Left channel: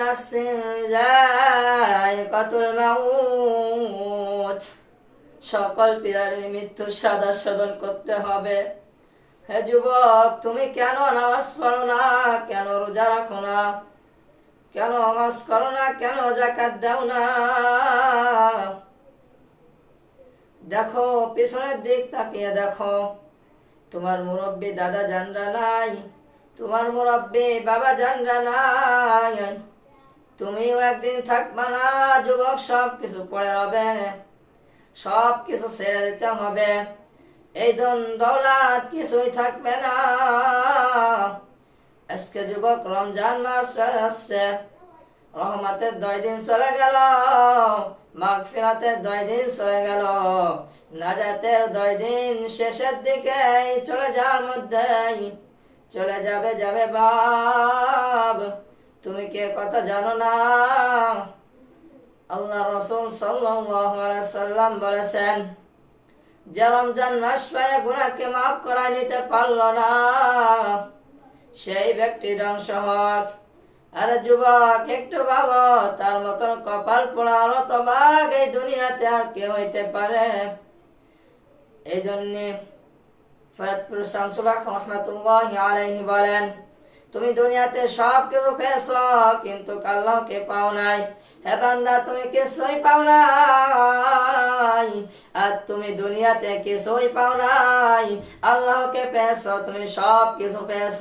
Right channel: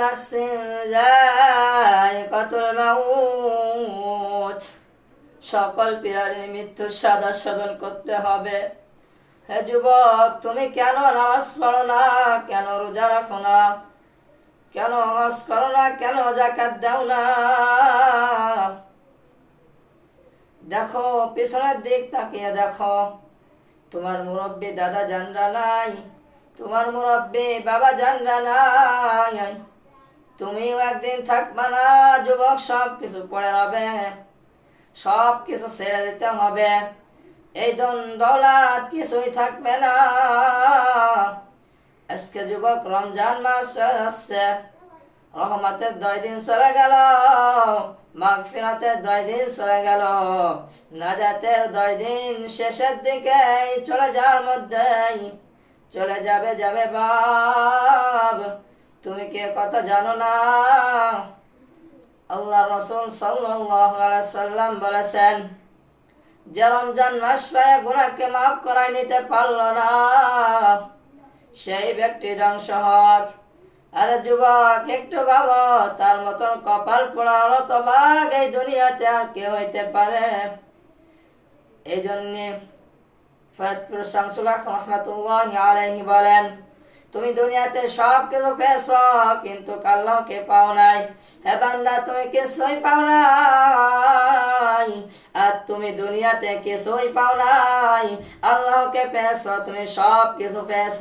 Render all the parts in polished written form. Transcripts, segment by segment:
নাফসিন যায়িকাতুল মাউত, সকল প্রাণীর মৃত্যুর স্বাদ আস্বাদন করতে হবে। হে যুবক, তুমি কেন নামাজ পড়ো না, কেন রোজা রাখো না, কেন হজ করো না, কেন যাকাত দাও না? দেখো, পিছনের দিক তাকিয়ে দেখো, তোমার মুরব্বী দাদা জানরা নাই, তোমার মুরব্বী বাবা জানরা নাই। তুমিও একদিন থাকবা না যুবক, সব কিছু পড়ে রবে, সব কিছু ছেড়ে দিতে হবে। এই দৌলত কিছুই থাকবে না। আজকে যুবক রমজান মাস আসছে, রহমতের 2 দিন চলে গেল, মাগফিরাতের 2 দিন চলে গেল, নাজাতের 2 দিন শেষের দিকে চলে যাওয়ার মধ্যেই চলে যাবে বাব। তুমি কে কথা জানো না? আল্লাহ রাসূল সাল্লাল্লাহু আলাইহি সাল্লাম বলেছেন, যে রমজান মাস পায় গুনাহকে মাফ করাই নিতে পারলো না, সেই ব্যক্তির ধ্বংস হোক। আরে যুবক, একটু ভাবো, তার মতন কপাল পোড়া হতভাগ এই দুনিয়াতে আর কে হইতে পারে? এই জন্যে ফরিদপুর শামসুল হক রহমাতুল্লাহি আলাইহি বলেন, তুমি দুনিয়াতে সব কিছু পেয়েছ, কিন্তু আল্লাহকে পাও নাই। হে বান্দা, তুমি কিছুই পাও নাই, আর তুমি দুনিয়াতে কিছুই পাও নাই, আল্লাহকে পেয়েছ, তুমি সব কিছু পেয়েছ।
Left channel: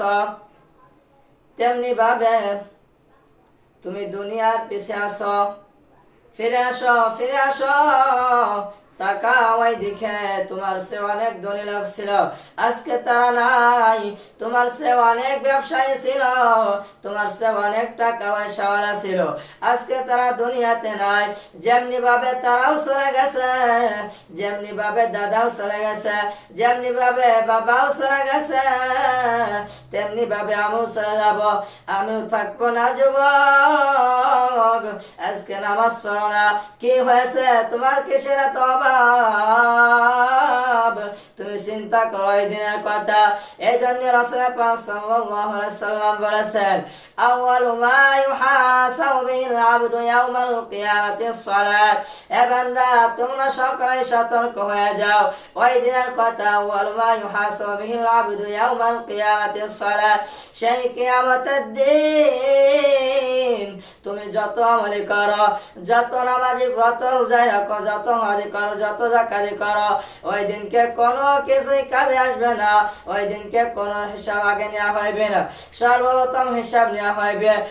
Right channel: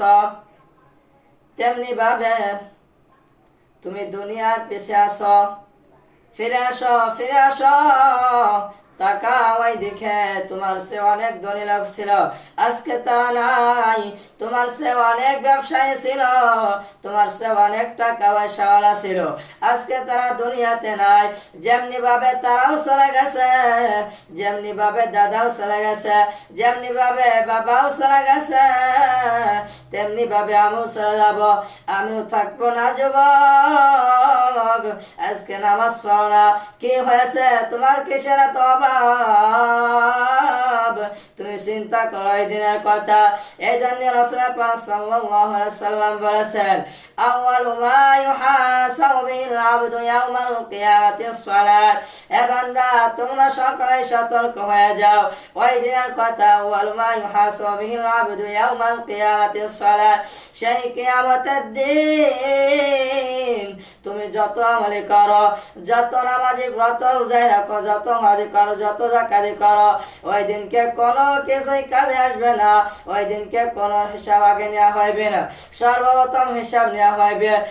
তেমনি ভাবে তুমি দুনিয়ার পিছে আসো, ফিরে আসো, ফিরে আসো। তাকাও, ওই দিকে তোমার সে অনেক ধনী লোক ছিল, আজকে তারা নাই। তোমার সে অনেক ব্যবসায়ী ছিল, তোমার সে অনেক টাকা পয়সাওয়ালা ছিল, আজকে তারা দুনিয়াতে নাই। যেমনি ভাবে তারাও চলে গেছে, যেমনি ভাবে দাদাও চলে গেছে, যেমনি ভাবে বাবাও চলে গেছে, তেমনি ভাবে আমিও চলে যাব, আমিও থাকবো না যুবক। আজকে নামাজ পড়ো না, কি হয়েছে তোমার? কিসের এত অভাব? তুমি চিন্তা করো এই দিনের কথা। এই জন্য রাসূল পাক সাল্লাল্লাহু আলাইহি সাল্লাম বলেছেন, আউয়ালু মা ইউহাসাবু বিল আবদু ইয়াউমাল কিয়ামাতিস সালাত। হে বান্দা, তোমরা সকলে সতর্ক হয়ে যাও, ওই দিনের কথা। আউয়ালু মা ইউহাসাবু বিল আবদু ইয়াউমাল কিয়ামাতিস সালাত, সেই কিয়ামতের দিন তুমি যত আমলি করো, যত নামাজি ব্রত রোজায় রাখো, যত হজ করো, যত যাকাত করো, ওই দিনকে কোনো কিছুই কাজে আসবে না। ওই দিনকে কোনো হিসাব আগে নেওয়া হইবে না, সর্বপ্রথম হিসাব নেওয়া হইবে